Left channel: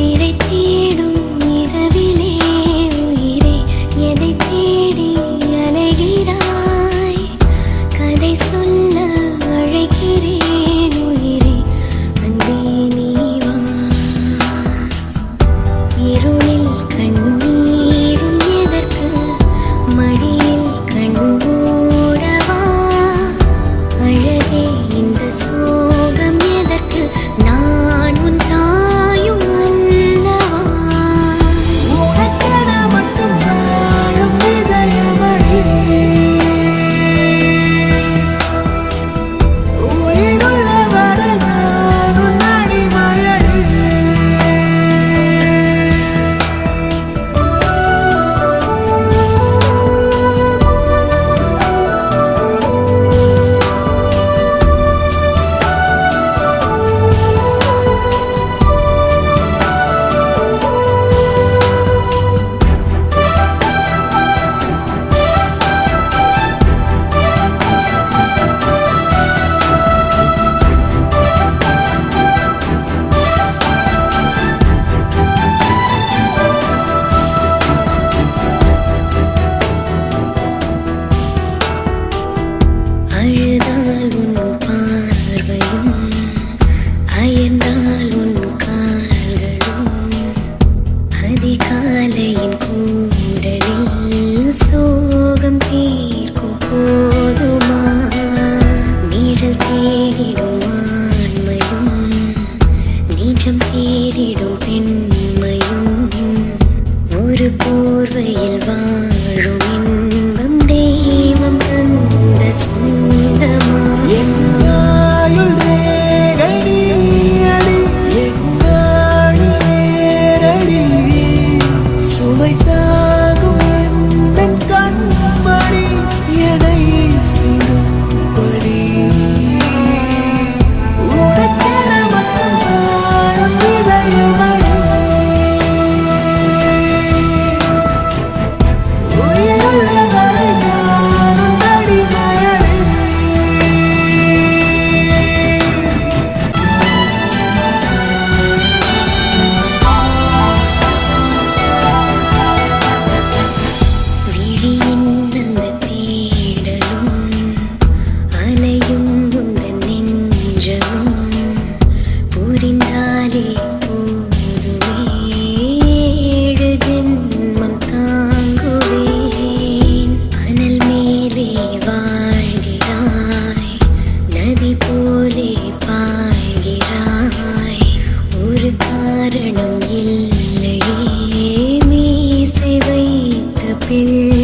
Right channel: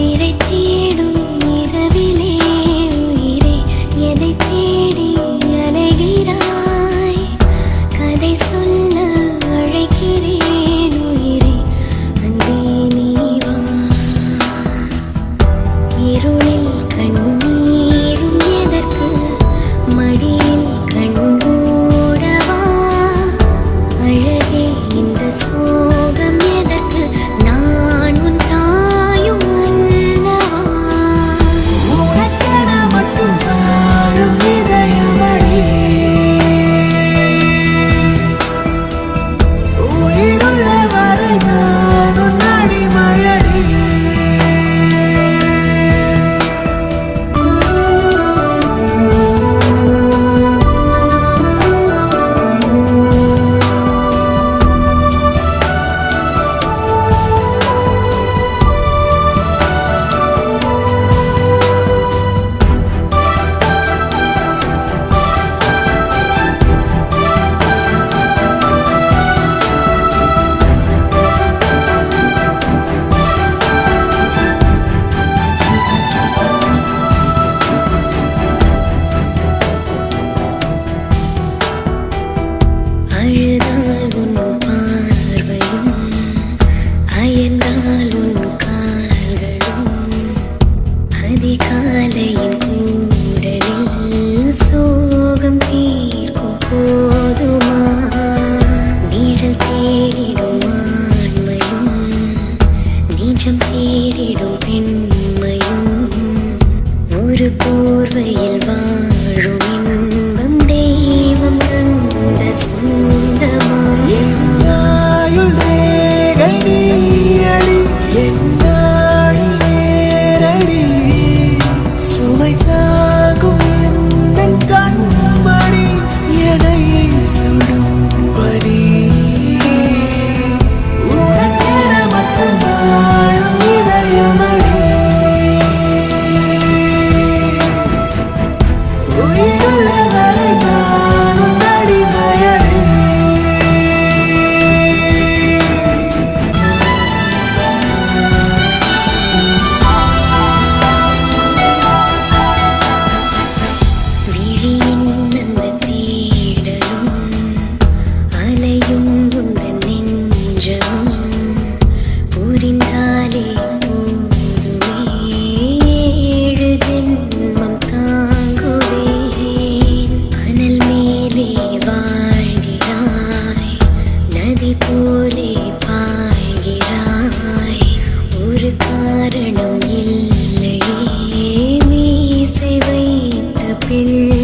உயிரை தேடும் இரவிலே உயிரே எதை தேடி அலைகிறாய் கதை சொல்ல அழைக்கிறேன் உயிரே அன்பே நீ வா இருளில் கண்ணீரும் எதற்கு மடியில் கண்மூடவா அழகே இந்த சோகம் எதற்கு நான் உன் தாயும் அல்லவா உனக்கென மட்டும் வாழும் இதயமடி உயிருள்ள வரை நான் உன் அடிமையடி அழுதால் உன் பார்வையும் அயர்ந்தால் உன் கால்களும் அதிகாலையின் கூடலில் சோகம் தீர்க்கும் போதுமா நிழல் தேடிடும் ஆண்மையும் நிஜம் தேடிடும் பெண்மையும் ஒரு போர்வையில் வாழும் இன்பம் தெய்வம் தந்த சொந்தமா என்னாயுள் ரேகை நீயடி என்னாடி நேரடி சுமை தாங்கும் எந்தன் கண்மணி என்னை சுடும்படி உனக்கென மட்டும் வாழும் இதயமடி உயிருள்ள வரை நான் உன் அடிமையடி விழியின் அந்த தேடலும் அலையும் உந்தன் நெஞ்சமும் புரிந்தாலே போதுமே ஏழு ஜென்மம் தாங்குவேன் அனல் மேலே வாழ்கிறாய் நதி போலே பாய்கிறாய் ஒரு காரணம் இல்லையே மீசை வைத்த பிள்ளை